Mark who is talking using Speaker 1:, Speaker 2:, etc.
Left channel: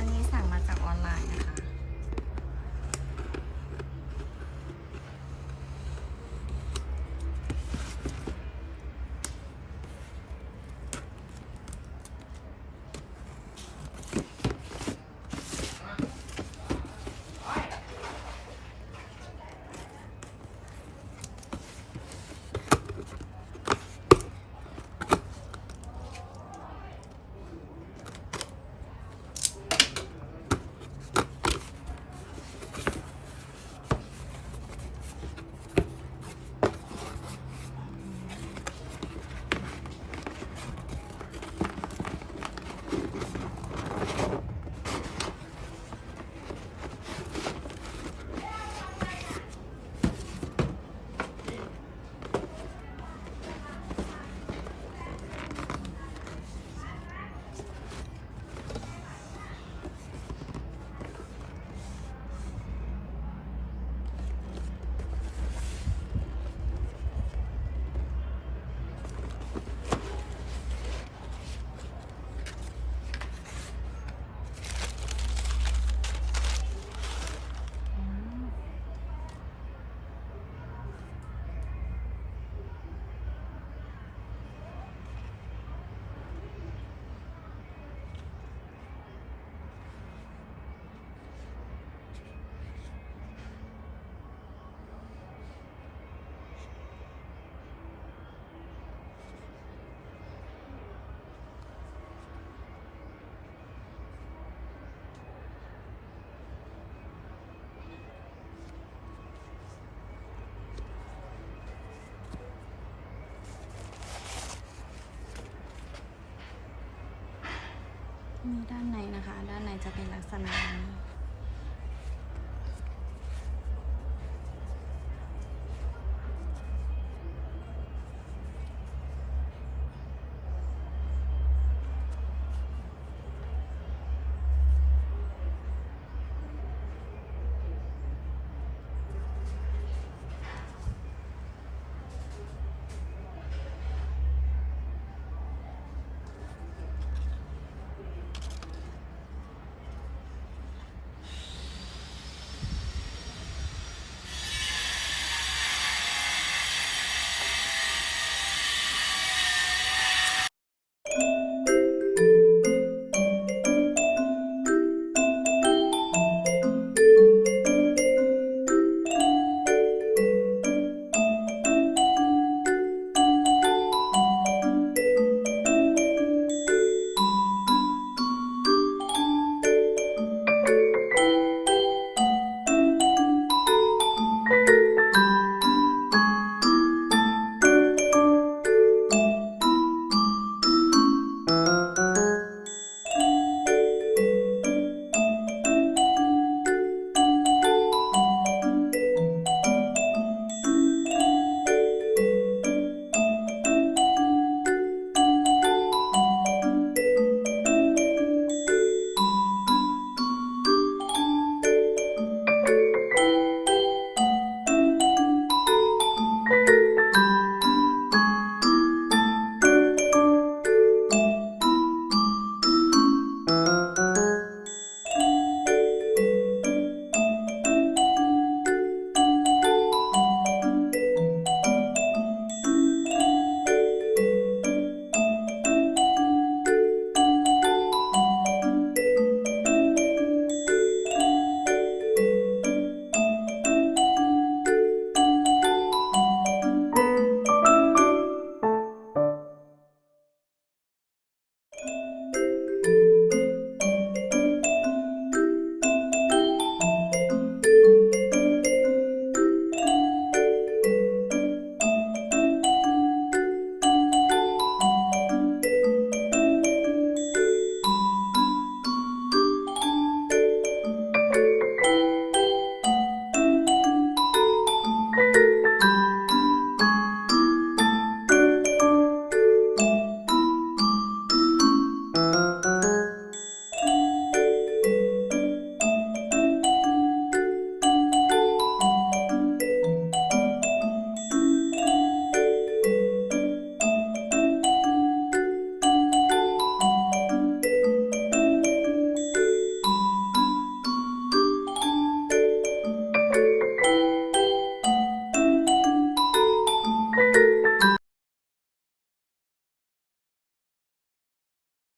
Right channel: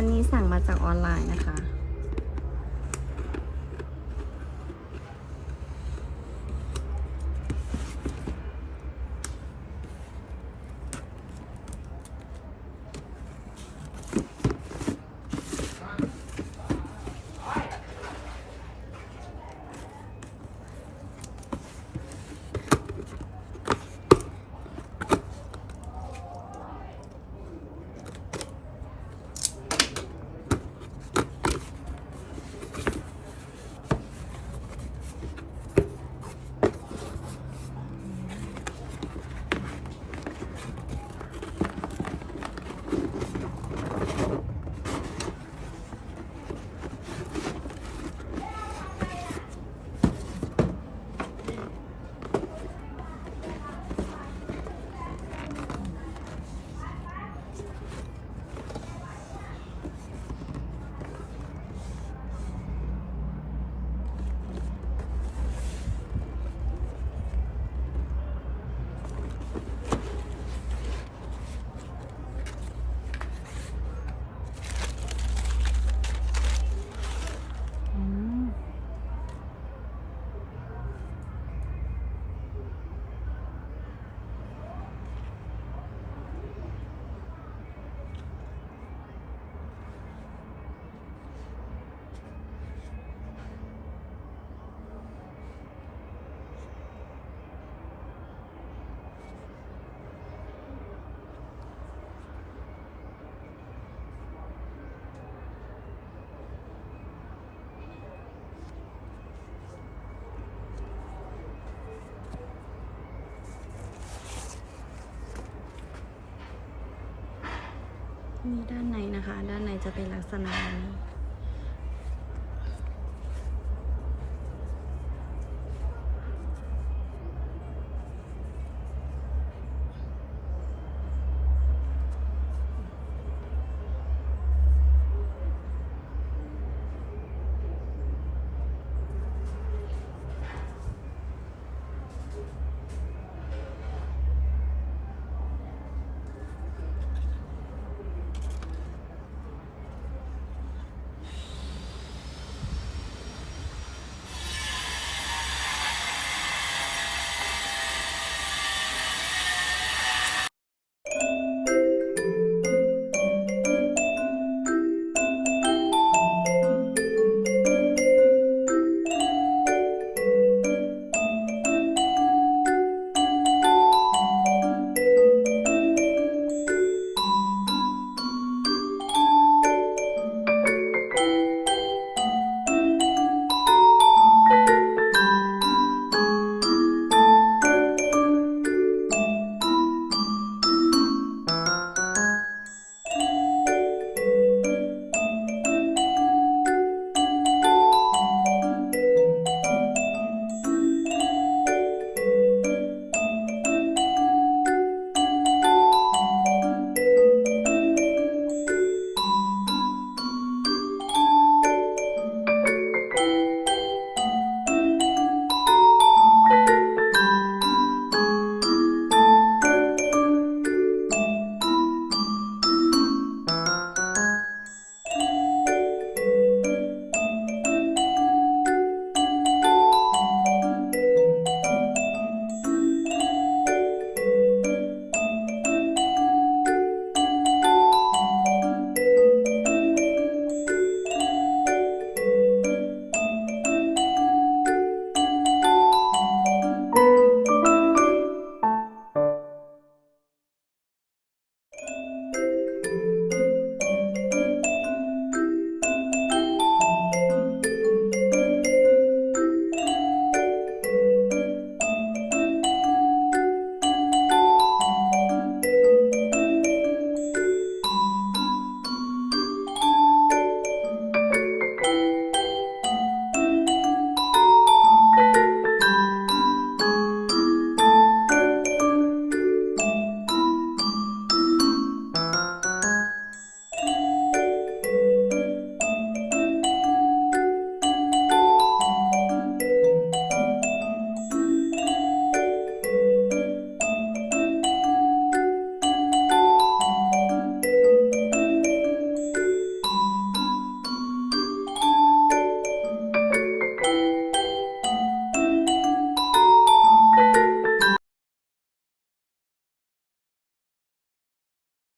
Speaker 1: อันนี้สั่งมาจากออนไลน์นะคะ มีด้านในนะคะ ด้านในจะเป็นลักษณะนี้